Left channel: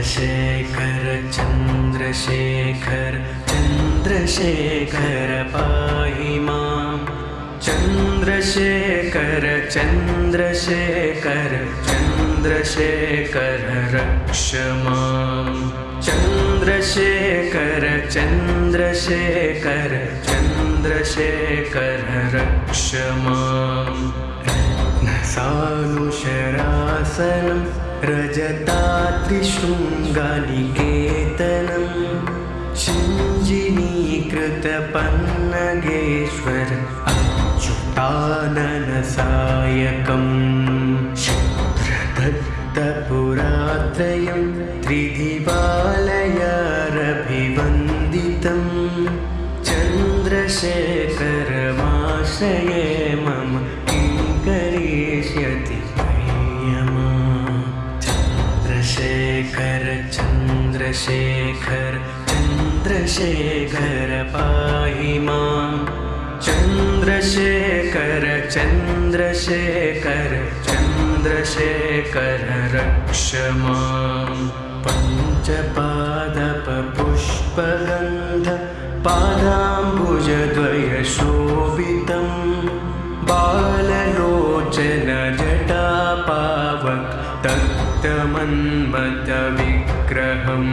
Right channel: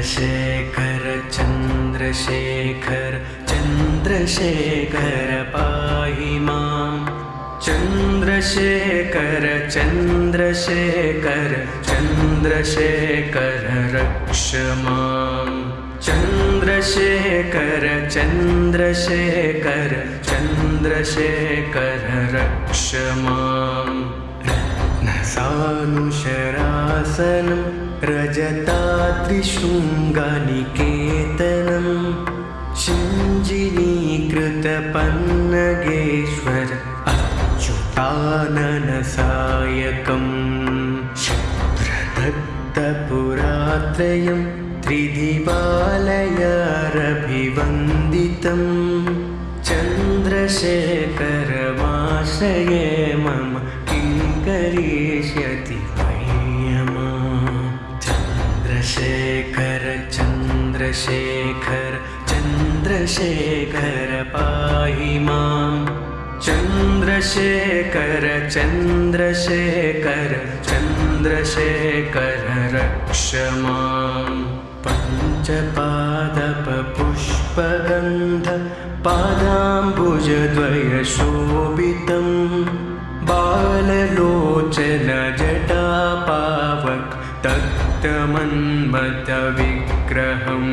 चन्द्रशेखर चन्द्रशेखर चन्द्रशेखर पाहि मां चन्द्रशेखर चन्द्रशेखर चन्द्रशेखर रक्ष मां चन्द्रशेखर चन्द्रशेखर चन्द्रशेखर रक्ष मां रत्नसानुशरासनं रजताद्रिशृङ्गनिकेतनं शिञ्जिनीकृतपन्नगेश्वर अच्युताननसायकं शुभ्रदत्तपुरात्रयं त्रिदिवालयारभिवन्दितं चन्द्रशेखरमाश्रये मम किं करिष्यति चन्द्रशेखर चन्द्रशेखर चन्द्रशेखर पाहि मां चन्द्रशेखर चन्द्रशेखर चन्द्रशेखर रक्ष मां पञ्चपादपपुष्पगन्ध पादाम्बुजद्वयशोभितं बाललोचन जटापावक तप्तमन्मथविग्रहं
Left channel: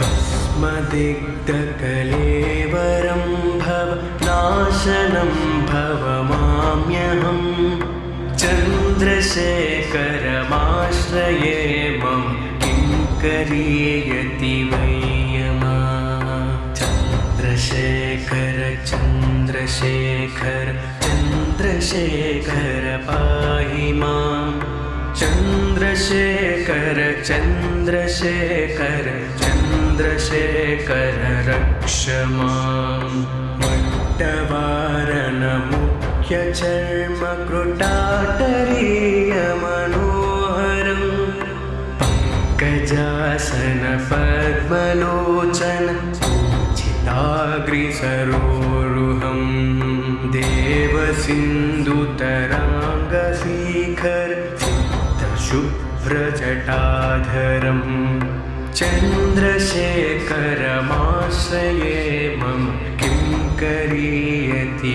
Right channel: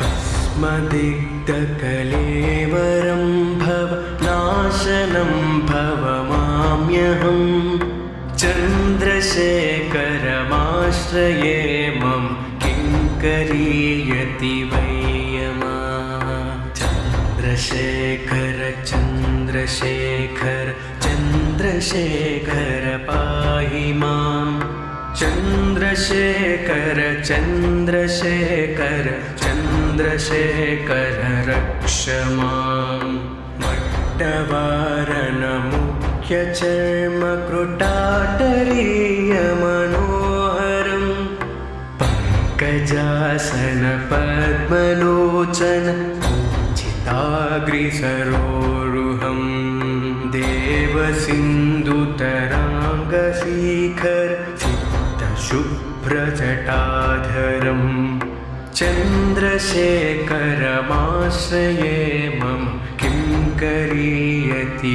भस्मदिग्धकलेवरं भवनाशनं भवमाम्यहं चन्द्रशेखरमाश्रये मम किं करिष्यति चन्द्रशेखर चन्द्रशेखर चन्द्रशेखर पाहि मां चन्द्रशेखर चन्द्रशेखर चन्द्रशेखर रक्ष मां मट्टवारणमुख्यचर्मकृटाटरीयमनोहरं पङ्कजासन पद्मलोचन पूजिताग्रिसरोरुहं देवसिन्धुतराङ्गशिखर शुभ्रजटाधरं चन्द्रशेखरमाश्रये मम किं करिष्यति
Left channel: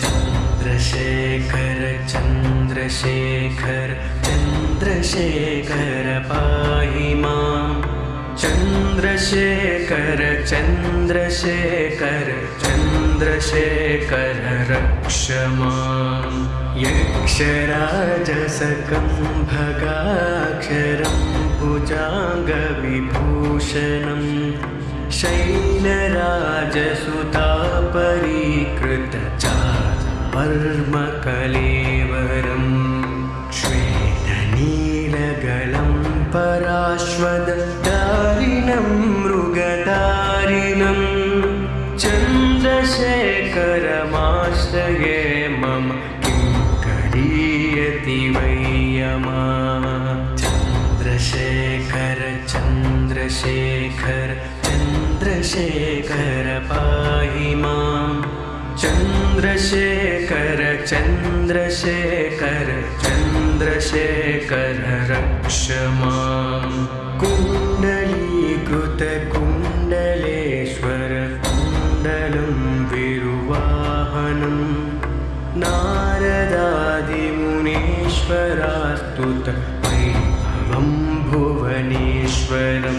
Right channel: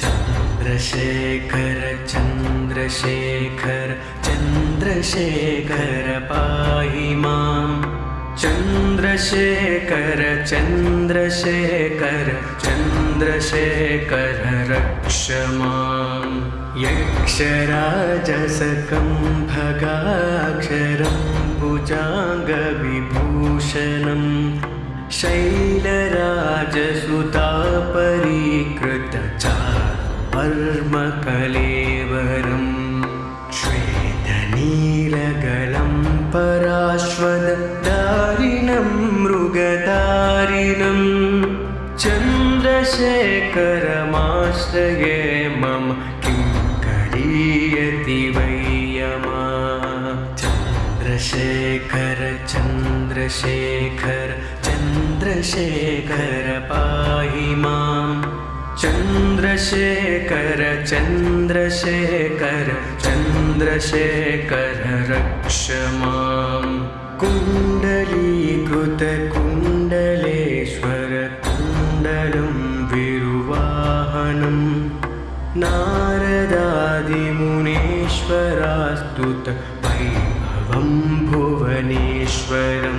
चन्द्रशेखर चन्द्रशेखर चन्द्रशेखर पाहि मां चन्द्रशेखर चन्द्रशेखर चन्द्रशेखर रक्ष मां यक्षराजसकं भगाक्षरं भुजाङ्गविभूषणं शैलराजसुतापरीकृतचारुपर्मकलेवरं श्वेतनीलगलं पराश्वदारिणं मृगधारिणं चन्द्रशेखरमाश्रये मम किं करिष्यति चन्द्रशेखर चन्द्रशेखर चन्द्रशेखर पाहि मां चन्द्रशेखर चन्द्रशेखर चन्द्रशेखर रक्ष मां कुण्डलीकृतकुण्डलेश्वर कुण्डलं विरुवाहनं नारदादिमुनीश्वरास्तुत वैभवं भुवनेश्वरं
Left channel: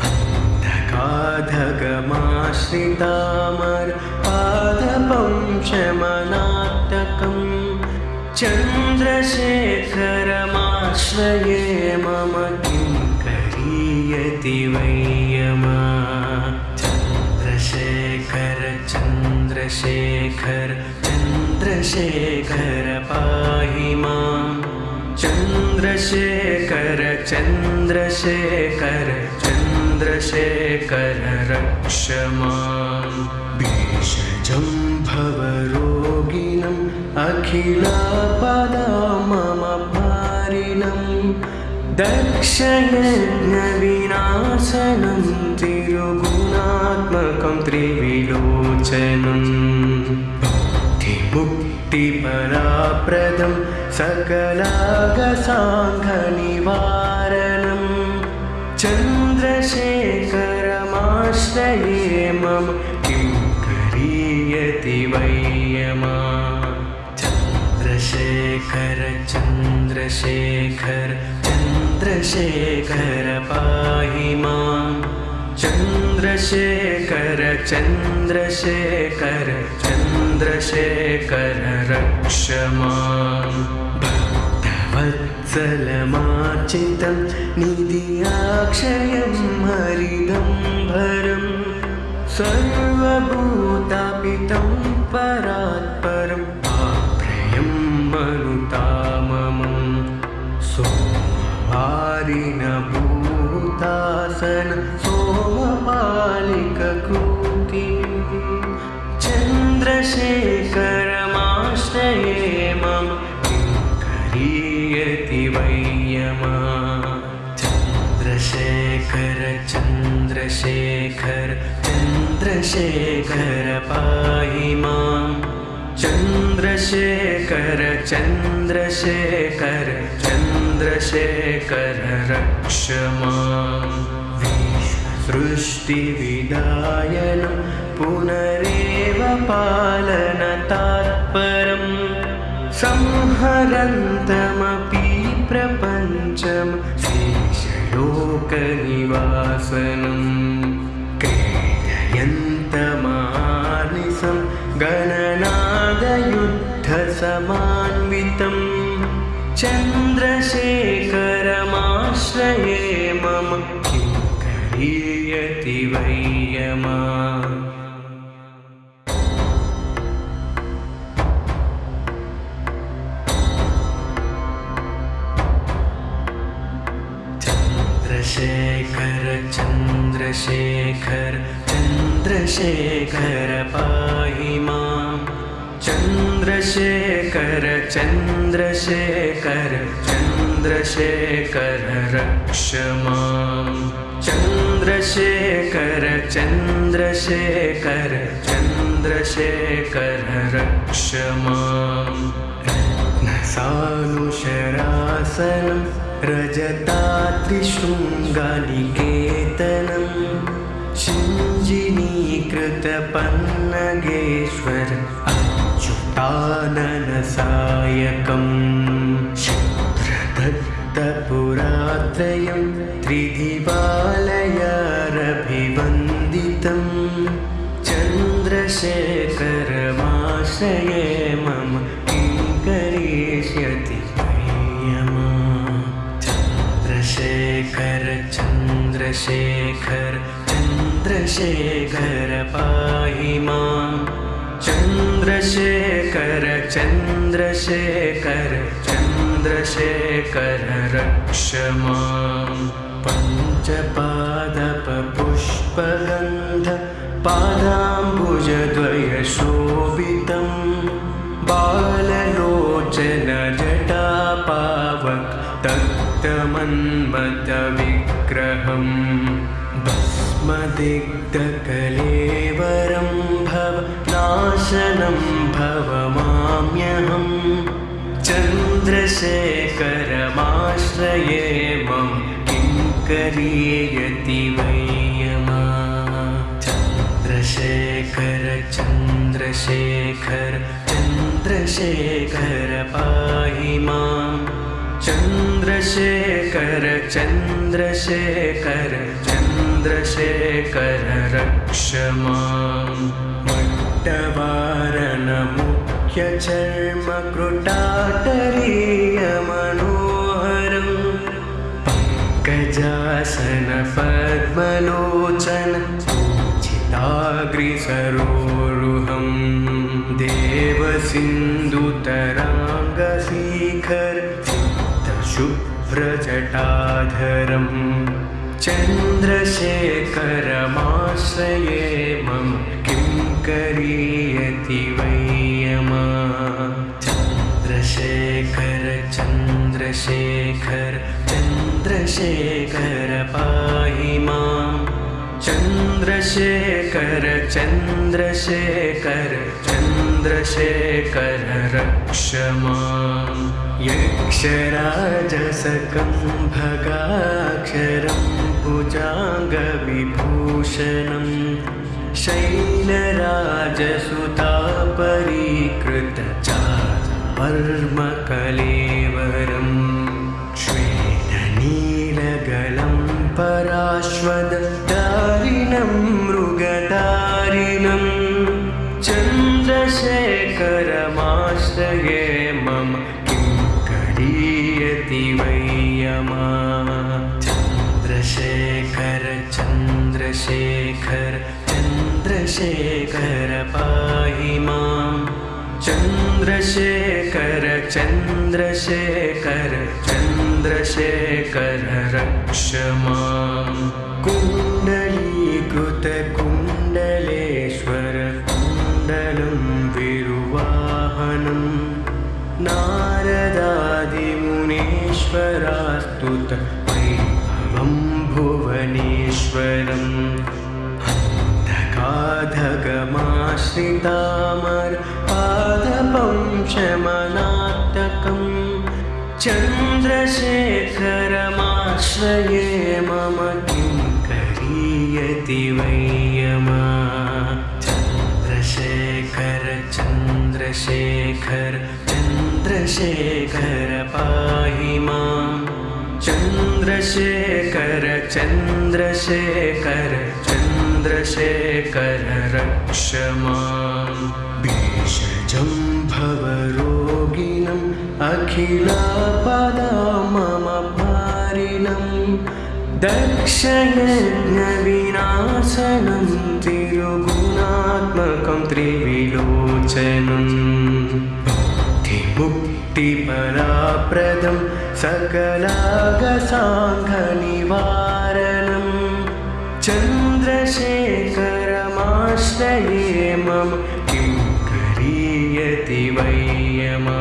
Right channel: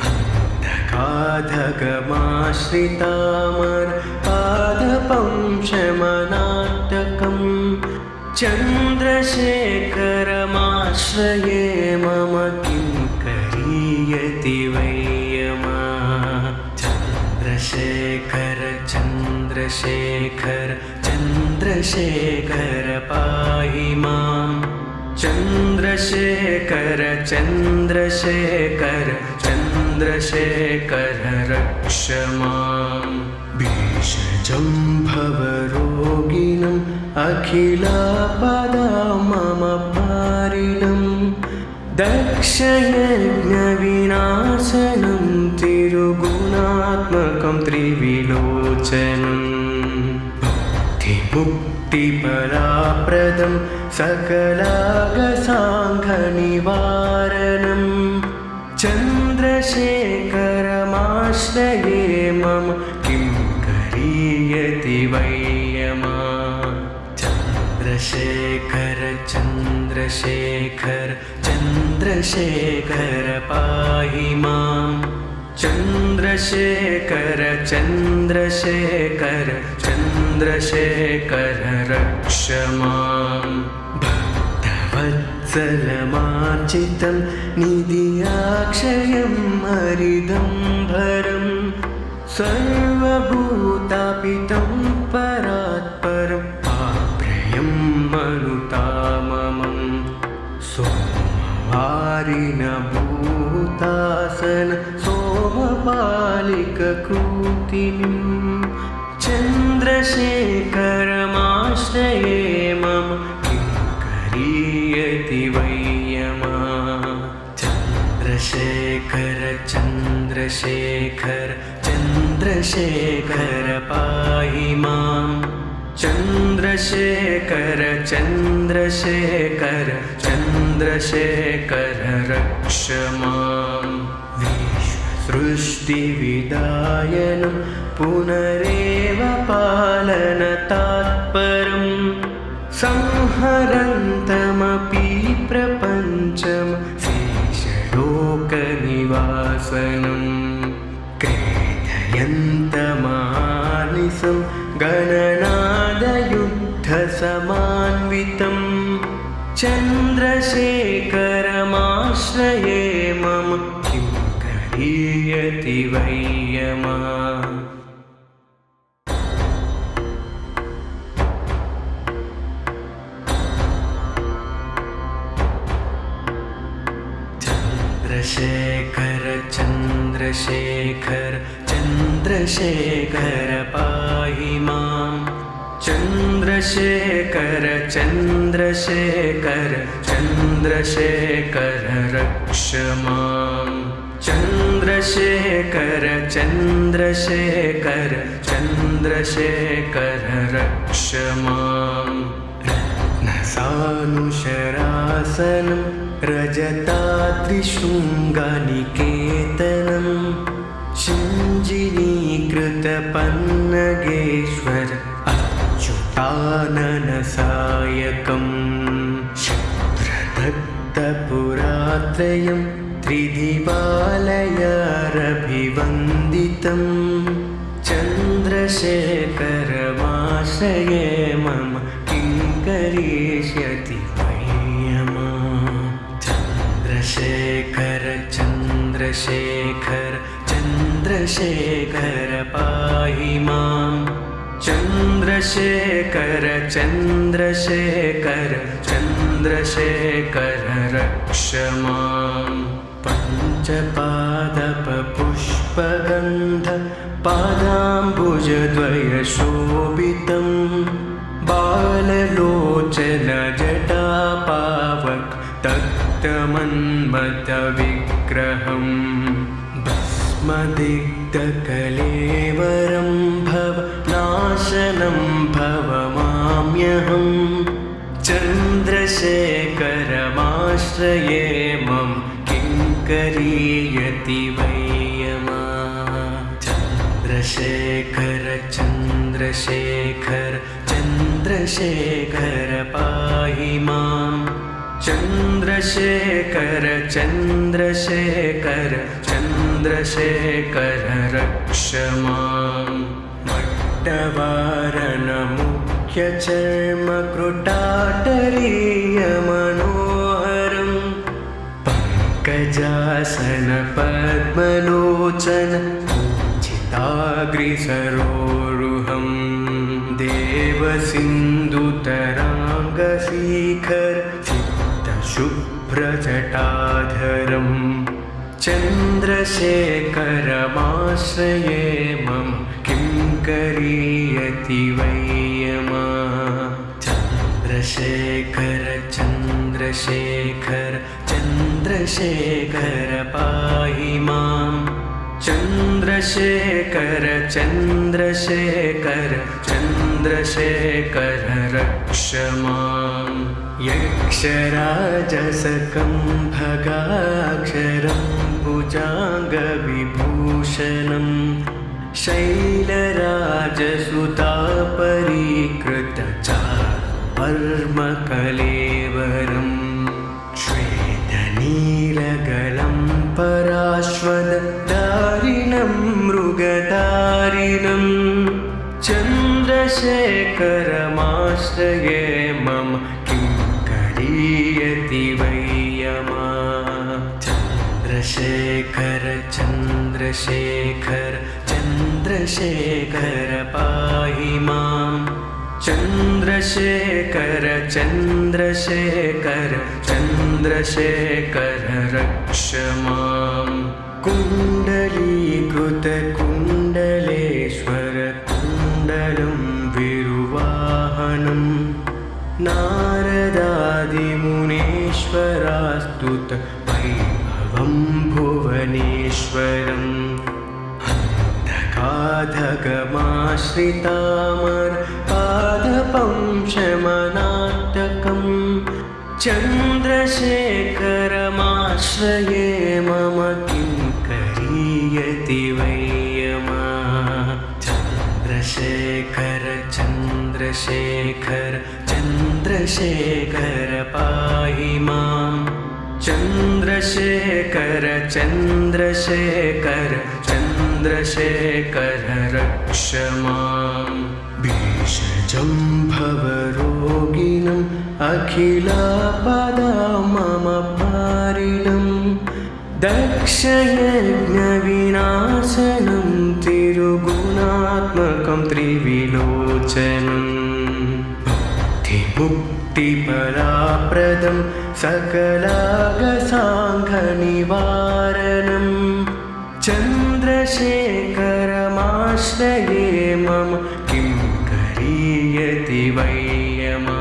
हन्तकाधगमाश्रितामर पादपं शमनात्तकं चन्द्रशेखरमाश्रये मम किं करिष्यति चन्द्रशेखर चन्द्रशेखर चन्द्रशेखर पाहि मां चन्द्रशेखर चन्द्रशेखर चन्द्रशेखर रक्ष मां भेषजं भवरोगिणम् अखिलापदामपारिणं दक्षयज्ञविनाशनं तिरुगुणात्मकं त्रिविलोचनं बुद्धिमुक्तिफलाप्रदं सकलागसाङ्घनिवारणं चन्द्रशेखरमाश्रये मम किं करीयति वै यमा चन्द्रशेखर चन्द्रशेखर चन्द्रशेखर पाहि माम् चन्द्रशेखर चन्द्रशेखर चन्द्रशेखर रक्ष माम् भक्तवत्सलमार्जितं निधियाक्षयं हरिदम्भरं सर्वभूतापितं परात्परं आप्रेयं मनुताममं सोमवारिण भूतासन सोमपालिककृतिं चन्द्रशेखरमाश्रये मम किं करीयति वै यमा चन्द्रशेखर चन्द्रशेखर चन्द्रशेखर पाहि माम् चन्द्रशेखर चन्द्रशेखर चन्द्रशेखर रक्ष माम् विश्वसृष्टिविदायनं पुनरेव पालनतात्परं संहरन्तमपि प्रपञ्चं शेषलोकनिवासनं क्रीडयन्तमानिसं गणनादयुद्धसमान्वितं चन्द्रशेखरमाश्रये मम किं करीयति वै यमा चन्द्रशेखर चन्द्रशेखर चन्द्रशेखर पाहि माम् चन्द्रशेखर चन्द्रशेखर चन्द्रशेखर रक्ष माम् चन्द्रशेखर चन्द्रशेखर चन्द्रशेखर रक्ष माम् रत्नसानुशरासनं रजताद्रिशृङ्गनिकेतनं शिञ्जिनीकृतपन्नगेश्वर अच्युताननसायकं शुभ्रदत्तपुरात्रयं त्रिदिवालयारभिवन्दितं चन्द्रशेखरमाश्रये मम किं करिष्यति वै यमा चन्द्रशेखर चन्द्रशेखर चन्द्रशेखर पाहि माम् चन्द्रशेखर चन्द्रशेखर चन्द्रशेखर रक्ष माम् पञ्चपादपपुष्पगन्ध पादाम्बुजद्वयशोभितं बाललोचन जटापावक तप्तमन्मथविग्रहं भस्मदिग्धकलेवरं भवनाशनं भवमाम्यहं चन्द्रशेखरमाश्रये मम किं करीयति वै यमा चन्द्रशेखर चन्द्रशेखर चन्द्रशेखर पाहि माम् चन्द्रशेखर चन्द्रशेखर चन्द्रशेखर रक्ष माम् मट्टवारणमुख्यचर्मकृटाटरीयमनोहरं पङ्कजासन पद्मलोचन पूजिताग्रिसरोरुहं देवसिन्धुतराङ्गशिखर शुभ्रजटाधरं चन्द्रशेखरमाश्रये मम किं करीयति वै यमा चन्द्रशेखर चन्द्रशेखर चन्द्रशेखर पाहि माम् चन्द्रशेखर चन्द्रशेखर चन्द्रशेखर रक्ष माम् यक्षराजसकम्भगाक्षरं भुजाङ्गविभूषणं शैलराजसुतापरीकृतचारुवर्मकलेवरं श्वेतनीलगलं पराश्वदारिणं मृगधारिणं चन्द्रशेखरमाश्रये मम किं करीयति वै यमा चन्द्रशेखर चन्द्रशेखर चन्द्रशेखर पाहि माम् चन्द्रशेखर चन्द्रशेखर चन्द्रशेखर रक्ष माम् कुण्डलीकृतकुण्डलेश्वर कुण्डलं विरुवाहनं नारदादिमुनीश्वरास्तुत वैभवं भुवनेश्वरम् अन्धकाधगमाश्रितामर पादपं शमनाटकं चन्द्रशेखरमाश्रये मम किं करीयति वै यमा चन्द्रशेखर चन्द्रशेखर चन्द्रशेखर पाहि माम् चन्द्रशेखर चन्द्रशेखर चन्द्रशेखर रक्ष माम् भेषजं भवरोगिणम् अखिलापदाममपारिणं दक्षयज्ञविनाशनं तिरुगुणात्मकं त्रिविलोचनं भुक्तिमुक्तिफलाप्रदं सकलागसाङ्घनिवारणं चन्द्रशेखरमाश्रये मम किं करीयति वै यमा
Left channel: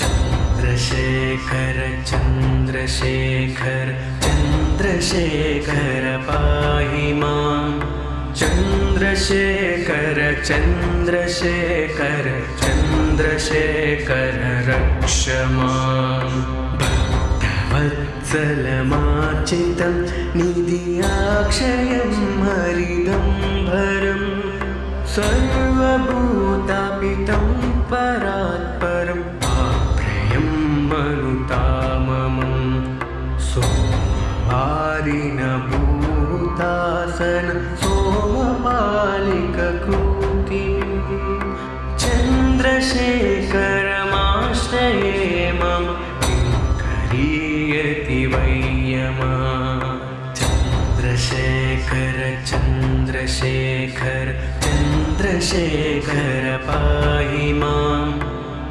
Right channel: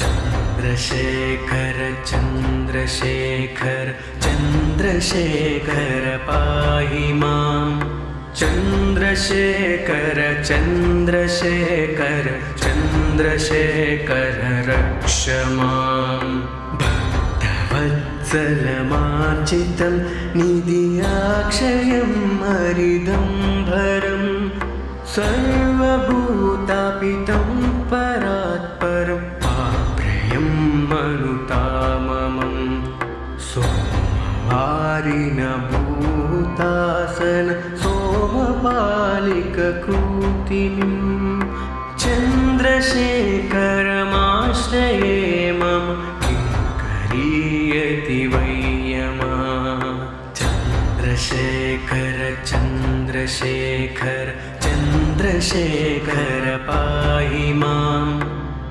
चन्द्रशेखर चन्द्रशेखर चन्द्रशेखर पाहि माम् चन्द्रशेखर चन्द्रशेखर चन्द्रशेखर रक्ष माम् भक्तवत्सलमार्चितं निधियाक्षयं हरिदम्भरं सर्वभूतापितं परात्परम् आप्रेयं मनुताममं सोमवारिणभूतासन सोमपालिककृतिं चन्द्रशेखरमाश्रये मम किं करीयति वै यमा चन्द्रशेखर चन्द्रशेखर चन्द्रशेखर पाहि माम्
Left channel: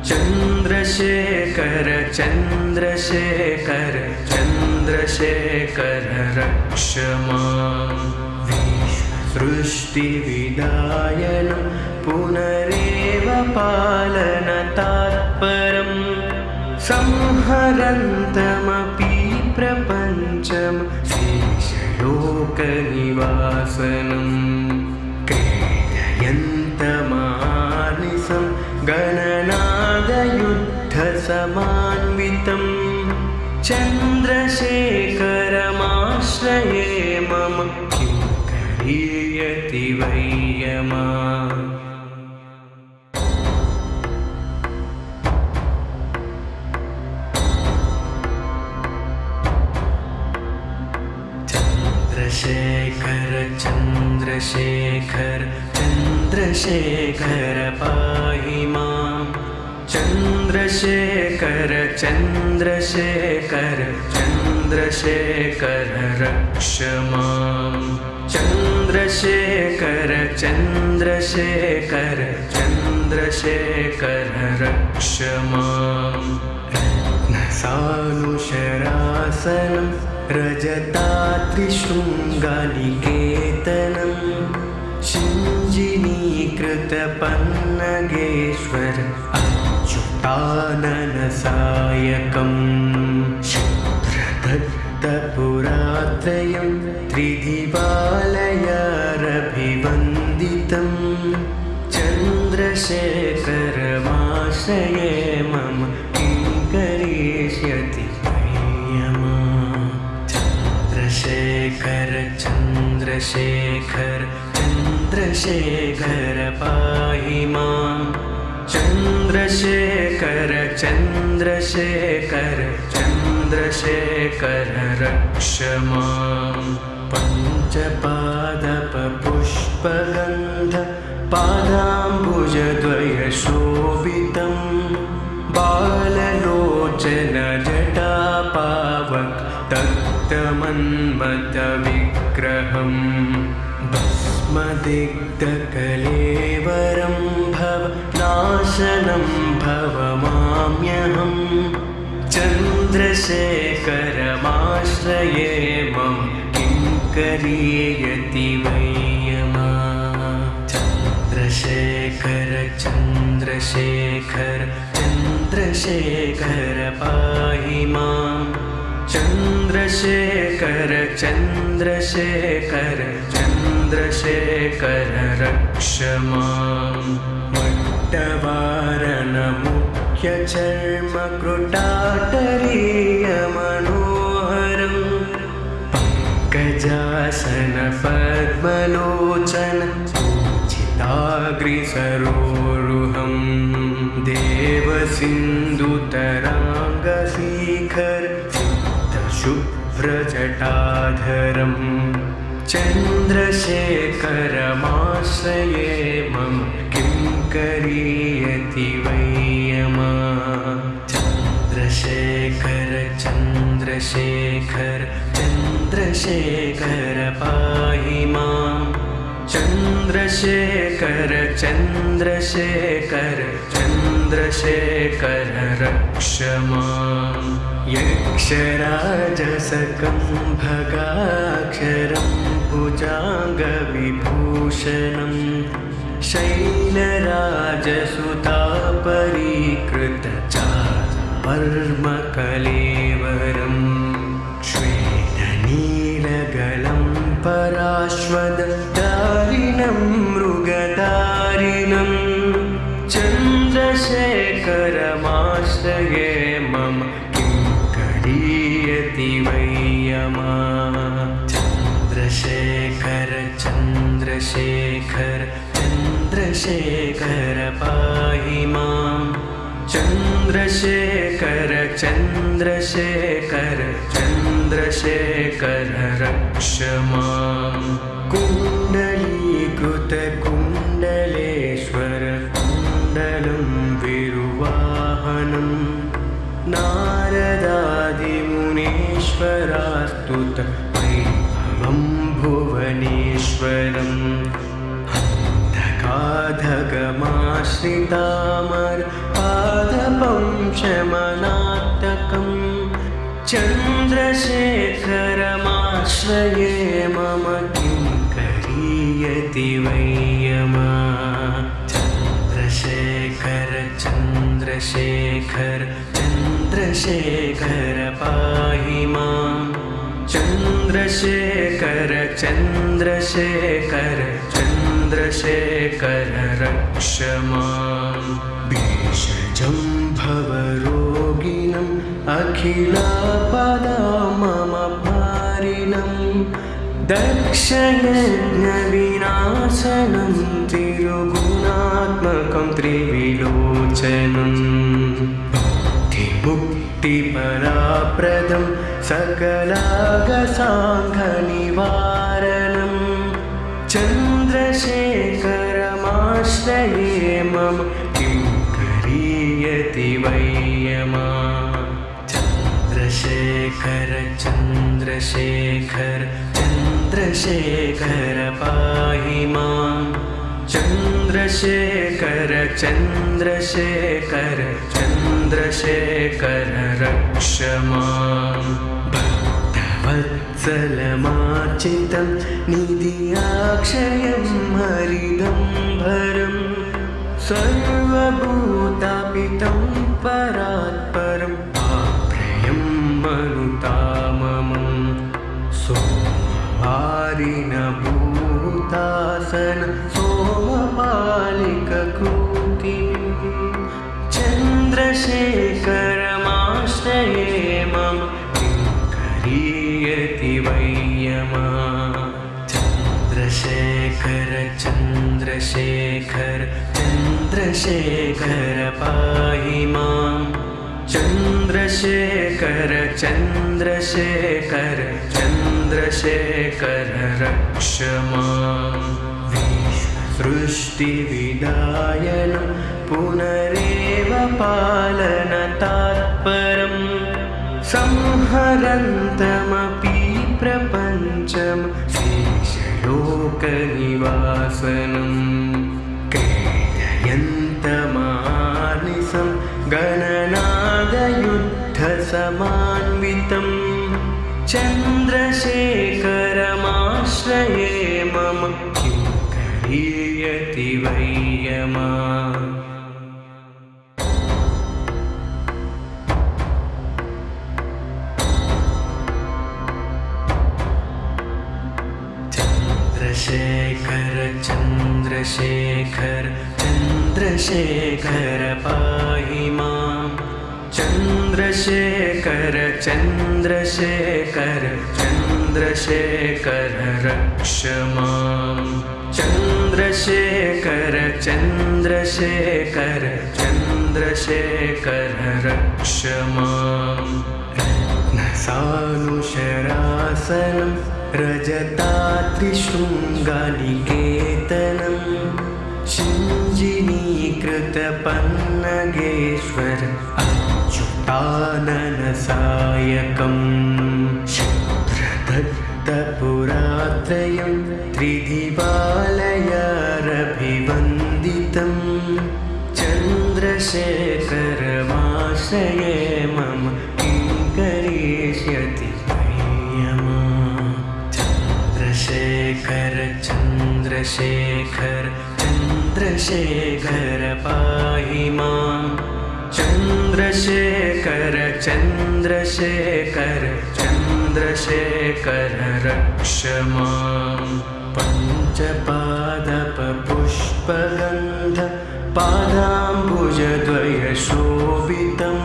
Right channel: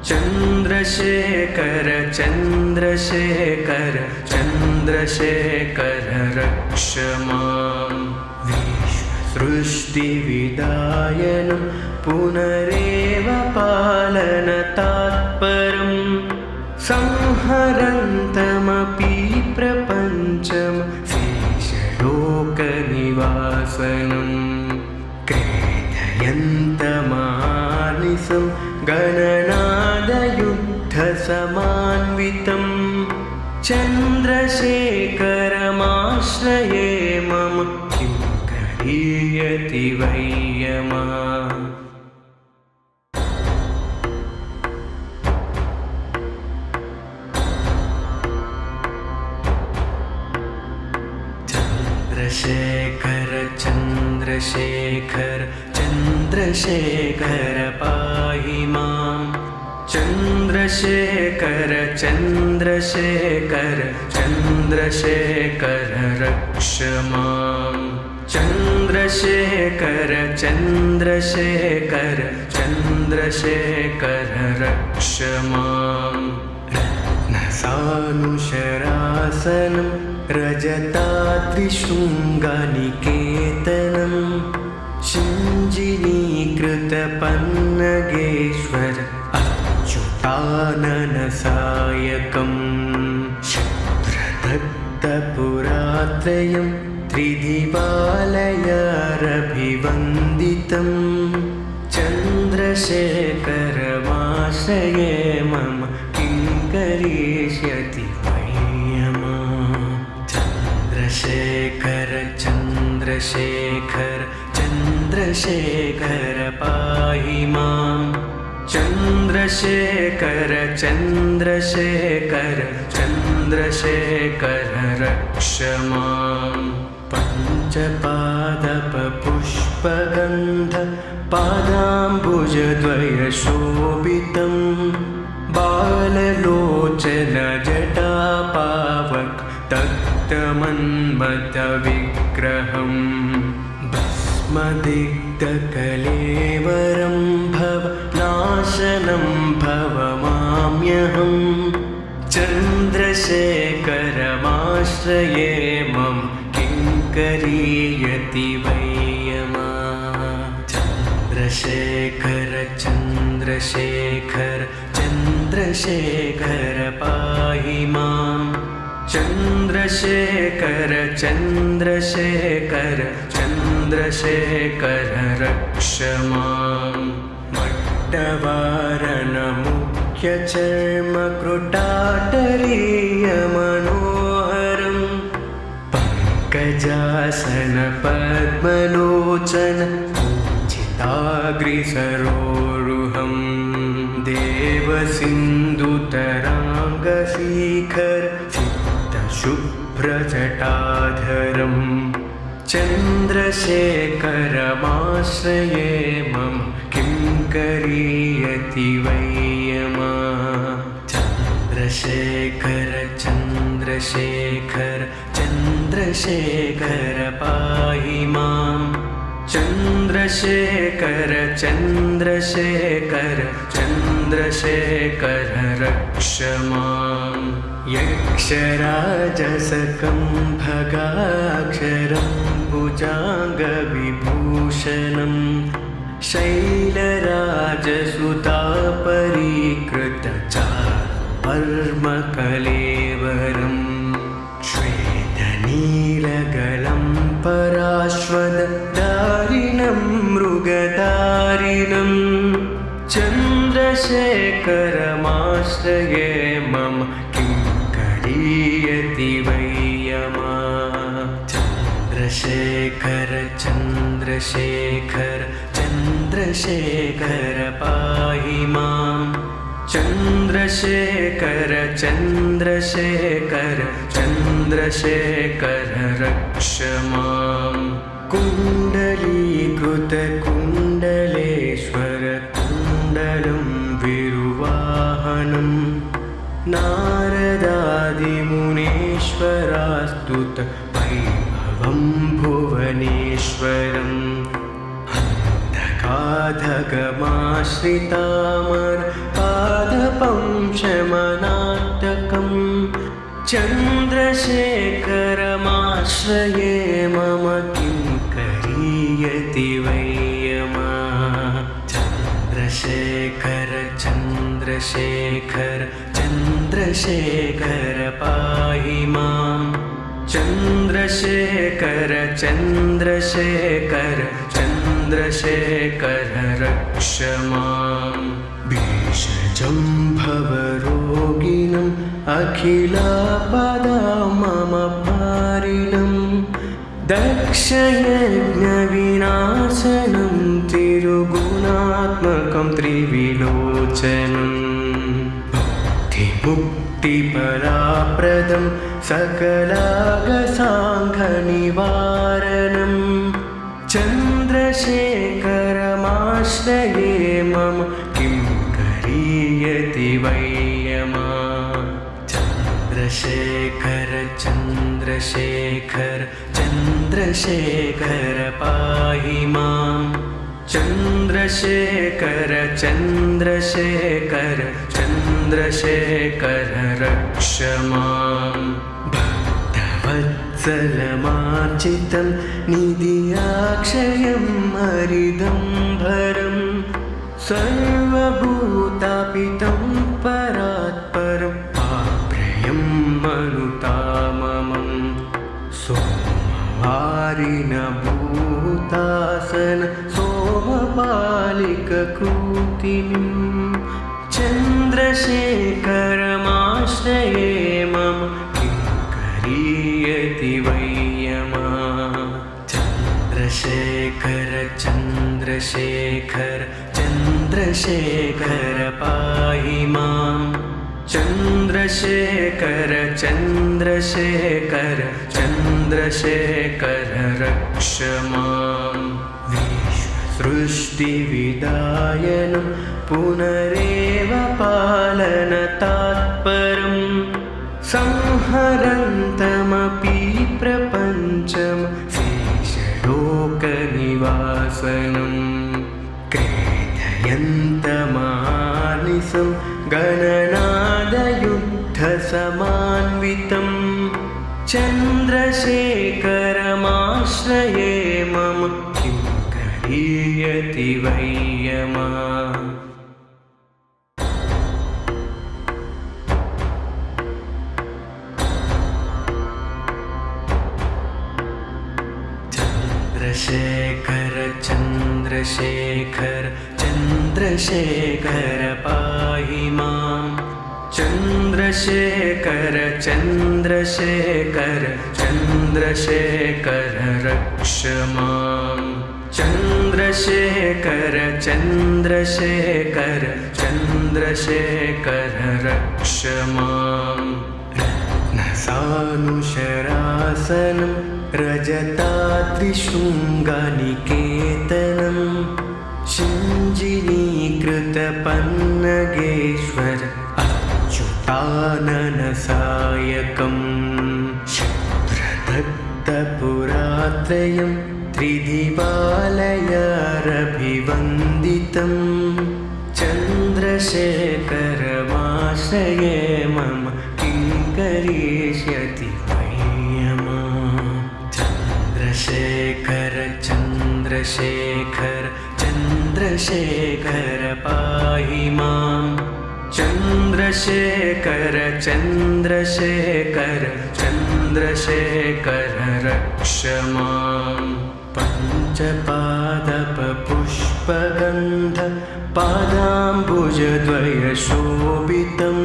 चन्द्रशेखर चन्द्रशेखर चन्द्रशेखर रक्ष माम् विश्वसृष्टिविदायनं पुनरेव पालनतात्परं संहरन्तमपि प्रपञ्चं शेषलोकनिवासनं क्रीडयन्तमानिसं गणनादयुद्धसमान्वितं चन्द्रशेखरमाश्रये मम किं करीयति वै यमा चन्द्रशेखर चन्द्रशेखर चन्द्रशेखर पाहि माम् चन्द्रशेखर चन्द्रशेखर चन्द्रशेखर रक्ष माम् चन्द्रशेखर चन्द्रशेखर चन्द्रशेखर रक्ष माम् रत्नसानुशरासनं रजताद्रिशृङ्गनिकेतनं शिञ्जिनीकृतपन्नगेश्वर अच्युताननसायकं शुभ्रदत्तपुरात्रयं त्रिदिवालयारभिवन्दितं चन्द्रशेखरमाश्रये मम किं करिष्यति वयमा। चन्द्रशेखर चन्द्रशेखर चन्द्रशेखर पाहि मां। चन्द्रशेखर चन्द्रशेखर चन्द्रशेखर रक्ष मां। पञ्चपादपपुष्पगन्ध पादाम्बुजद्वयशोभितं बाललोचन जटापावक तप्तमन्मथविग्रहं भस्मदिग्धकलेवरं भव नाशनं भवमाम्यहम्। चन्द्रशेखरमाश्रये मम किं करिष्यति वयमा। चन्द्रशेखर चन्द्रशेखर चन्द्रशेखर पाहि मां। चन्द्रशेखर चन्द्रशेखर चन्द्रशेखर रक्ष मां। मट्टवारणमुख्यचर्मकृटाटरीयमनोहरं पङ्कजासन पद्मलोचन पूजिताग्रिसरोरुहं। देवसिन्धुतराङ्गशिखर सिद्धशुभ्रजटाधरं चन्द्रशेखरमाश्रये मम किं करिष्यति वयमा। चन्द्रशेखर चन्द्रशेखर चन्द्रशेखर पाहि मां। चन्द्रशेखर चन्द्रशेखर चन्द्रशेखर रक्ष मां। यक्षराजसकम्भगाक्षरं भुजाङ्गविभूषणं शैलराजसुतापरीकृतचारुवर्मकलेवरं श्वेतनीलगलं पराश्वदारिणं मृगधारिणं। चन्द्रशेखरमाश्रये मम किं करिष्यति वयमा। चन्द्रशेखर चन्द्रशेखर चन्द्रशेखर पाहि मां। चन्द्रशेखर चन्द्रशेखर चन्द्रशेखर रक्ष मां। कुण्डलीकृतकुण्डलेश्वर कुण्डलं विरुवाहनं नारदादिमुनीश्वरास्तुत वैभवं भुवनेश्वरम्। हन्तकाधगमाश्रितामर पादपं शमनाटकं चन्द्रशेखरमाश्रये मम किं करिष्यति वयमा। चन्द्रशेखर चन्द्रशेखर चन्द्रशेखर पाहि मां। चन्द्रशेखर चन्द्रशेखर चन्द्रशेखर रक्ष मां। भेषजं भवरोगिणम् अखिलापदाममपारिणं दक्षयज्ञविनाशनं तिरुगुणात्मकं त्रिविलोचनं। भुक्तिमुक्तिफलप्रदं सकलागसाङ्घनिवारणं चन्द्रशेखरमाश्रये मम किं करिष्यति वयमा। चन्द्रशेखर चन्द्रशेखर चन्द्रशेखर पाहि मां। चन्द्रशेखर चन्द्रशेखर चन्द्रशेखर रक्ष मां। भक्तवत्सलमार्चितं निधियाक्षयं हरिदम्भरं सर्वभूतापितं परात्परम् आप्रेयं मनुताममं। सोमवासरं हारिण भूतासन सोमपालिककृतिम् चन्द्रशेखरमाश्रये मम किं करीयति वै यमः चन्द्रशेखर चन्द्रशेखर चन्द्रशेखर पाहि मां चन्द्रशेखर चन्द्रशेखर चन्द्रशेखर रक्ष मां विश्वसृष्टिविदायनं पुनरेव पालनतात्परम् संहरन्तमपि प्रपञ्चं शेषलोकनिवासनं क्रीडयन्तमानिसं गणनादयुद्धसमान्वितं चन्द्रशेखरमाश्रये मम किं करीयति वै यमः चन्द्रशेखर चन्द्रशेखर चन्द्रशेखर पाहि मां चन्द्रशेखर चन्द्रशेखर चन्द्रशेखर रक्ष मां चन्द्रशेखर चन्द्रशेखर चन्द्रशेखर रक्ष मां रत्नसानुशरासनं रजताद्रिशृङ्गनिकेतनं शिञ्जिनीकृतपन्नगेश्वर अच्युताननसायकं शुभ्रदत्तपुरात्रयं त्रिदिवालयारभिवन्दितं चन्द्रशेखरमाश्रये मम किं करिष्यति वै यमः चन्द्रशेखर चन्द्रशेखर चन्द्रशेखर पाहि मां चन्द्रशेखर चन्द्रशेखर चन्द्रशेखर रक्ष मां पञ्चपादपपुष्पगन्ध पादाम्बुजद्वयशोभितं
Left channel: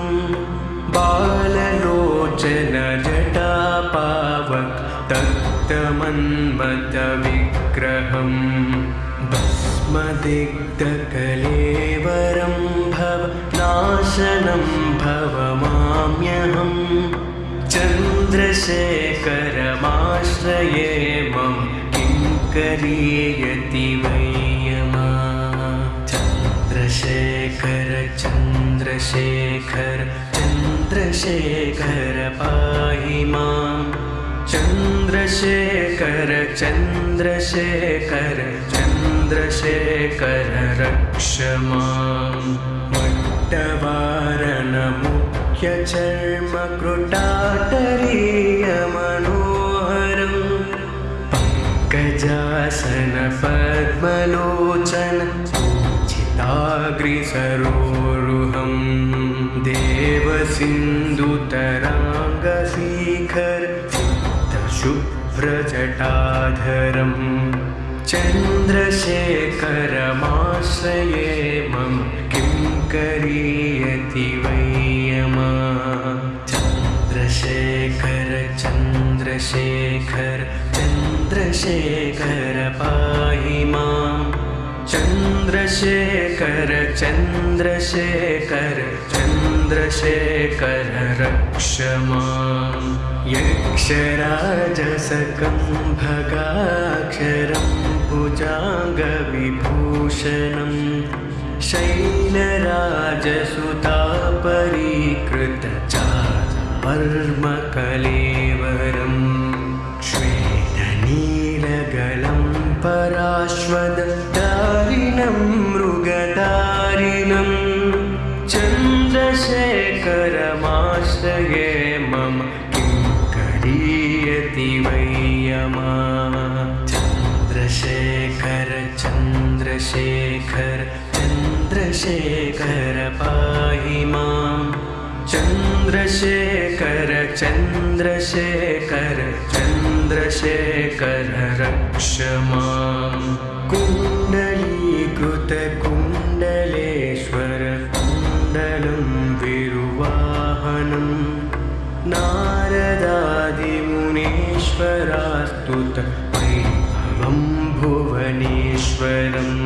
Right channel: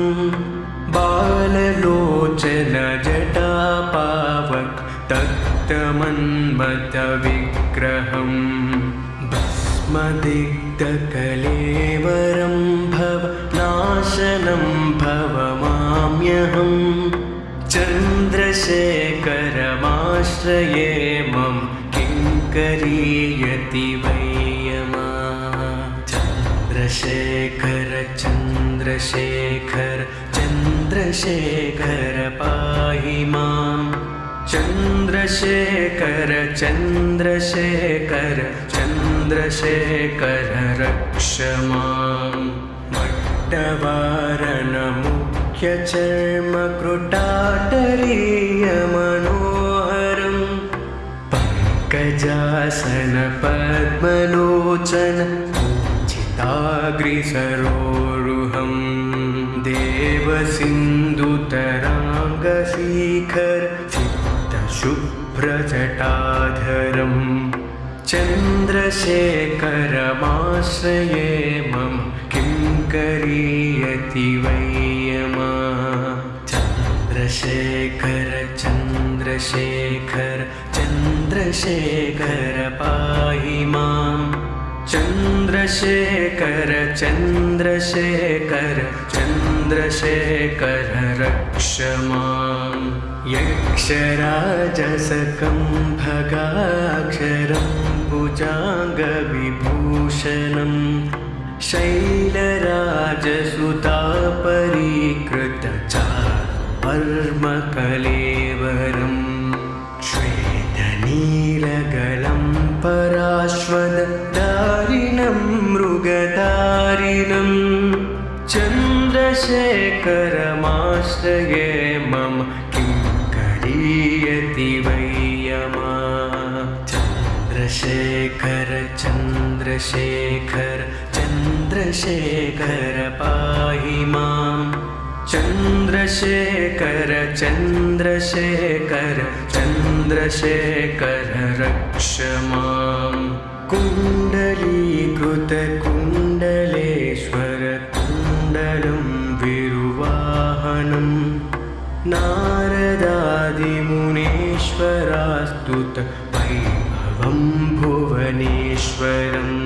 बाललोचन जटापावक तप्तमन्मथविग्रहं भस्मदिग्धकलेवरं भवनाशनं भवमाम्यहं चन्द्रशेखरमाश्रये मम किं करीयति वै यमः चन्द्रशेखर चन्द्रशेखर चन्द्रशेखर पाहि मां चन्द्रशेखर चन्द्रशेखर चन्द्रशेखर रक्ष मां मट्टवारणमुख्यचर्मकृटाटरीयमनोहरं पङ्कजासन पद्मलोचन पूजिताग्रिसरोरुहं देवसिन्धुतराङ्गशिखर शुभ्रजटाधरं चन्द्रशेखरमाश्रये मम किं करीयति वै यमः चन्द्रशेखर चन्द्रशेखर चन्द्रशेखर पाहि मां चन्द्रशेखर चन्द्रशेखर चन्द्रशेखर रक्ष मां यक्षराजसकं भगाक्षरं भुजाङ्गविभूषणं शैलराजसुतापरीकृतचारुवर्मकलेवरं श्वेतनीलगलं पराश्वदारिणं मृगधारिणं चन्द्रशेखरमाश्रये मम किं करीयति वै यमः चन्द्रशेखर चन्द्रशेखर चन्द्रशेखर पाहि मां चन्द्रशेखर चन्द्रशेखर चन्द्रशेखर चन्द्रशेखर रक्ष माम् कुण्डलीकृतकुण्डलेश्वर कुण्डलं विरुवाहनं नारदादिमुनीश्वरास्तुत वैभवं भुवनेश्वरम्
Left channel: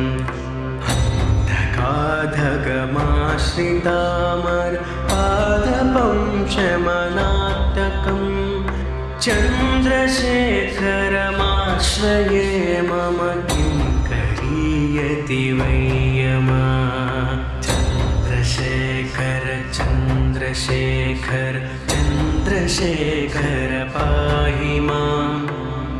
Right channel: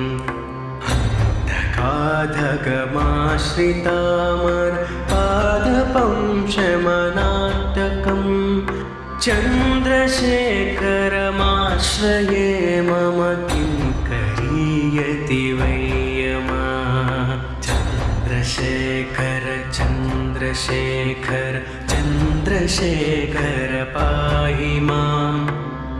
अन्धकाधगमाश्रितामर पादपं शमनात्तकम् चन्द्रशेखरमाश्रये मम किं करीयति वै यमा चन्द्रशेखर चन्द्रशेखर चन्द्रशेखर पाहि माम्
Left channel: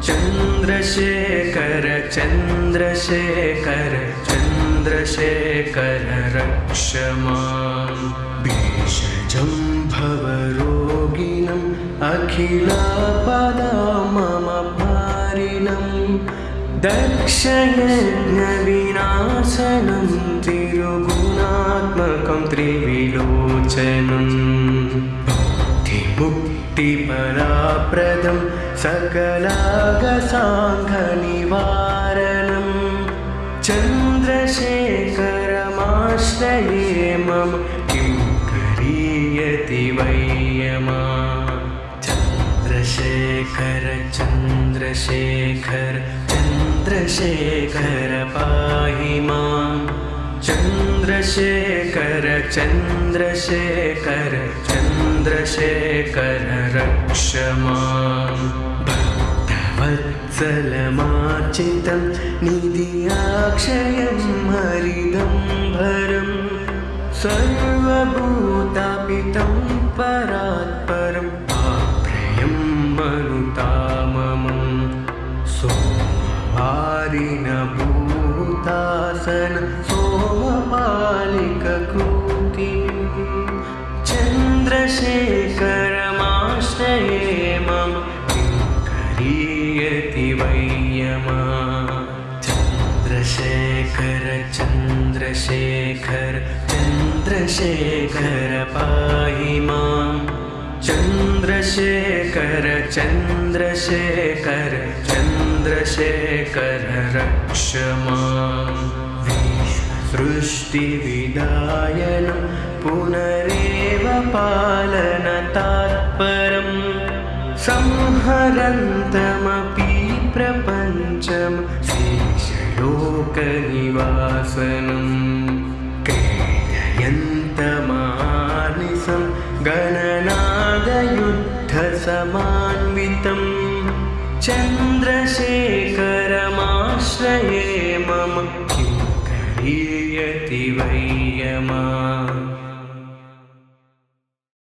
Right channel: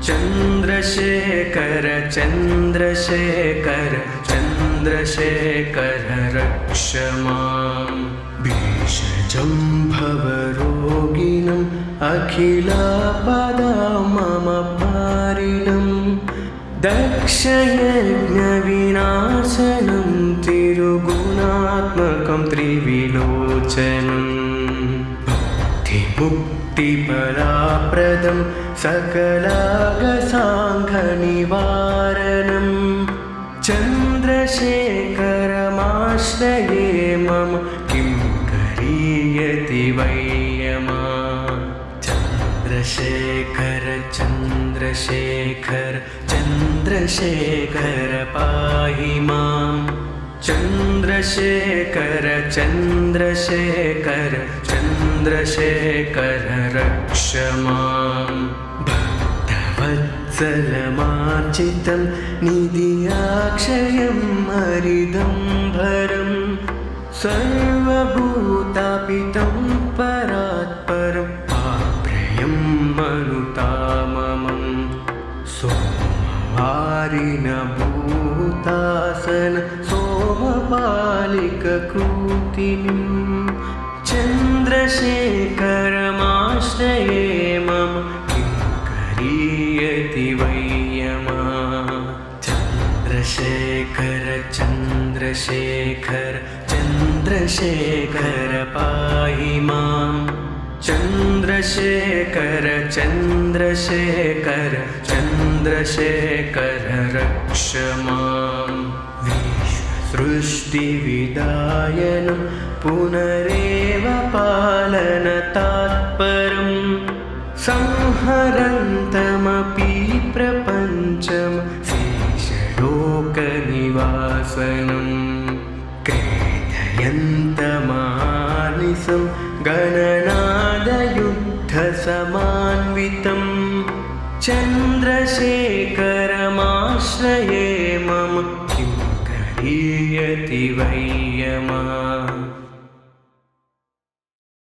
चन्द्रशेखर चन्द्रशेखर चन्द्रशेखर रक्ष माम् भेषजं भवरोगिणम् अखिलापदा मम पारिणं दक्षयज्ञविनाशनं तिरुगुणात्मकं त्रिविलोचनं भुक्तिमुक्तिफलाप्रदं सकलागसाङ्घनिवारणं चन्द्रशेखरमाश्रये मम किं करीयति वै यमा चन्द्रशेखर चन्द्रशेखर चन्द्रशेखर पाहि माम् चन्द्रशेखर चन्द्रशेखर चन्द्रशेखर रक्ष माम् भक्तवत्सलमार्चितं निधियाक्षयं हरिदम्भरम् सर्वभूतापितं परात्परम् आप्रेयं मनुताममं सोमवारिणभूतासन सोमपालिककृतिं चन्द्रशेखरमाश्रये मम किं करीयति वै यमा चन्द्रशेखर चन्द्रशेखर चन्द्रशेखर पाहि माम् चन्द्रशेखर चन्द्रशेखर चन्द्रशेखर रक्ष माम् विश्वसृष्टिविदायनं पुनरेव पालनतात्परम् संहरन्तमपि प्रपञ्चं शेषलोकनिवासनं क्रीडयन्तमानिसं गणनादयुद्धसमान्वितं चन्द्रशेखरमाश्रये मम किं करीयति वै यमा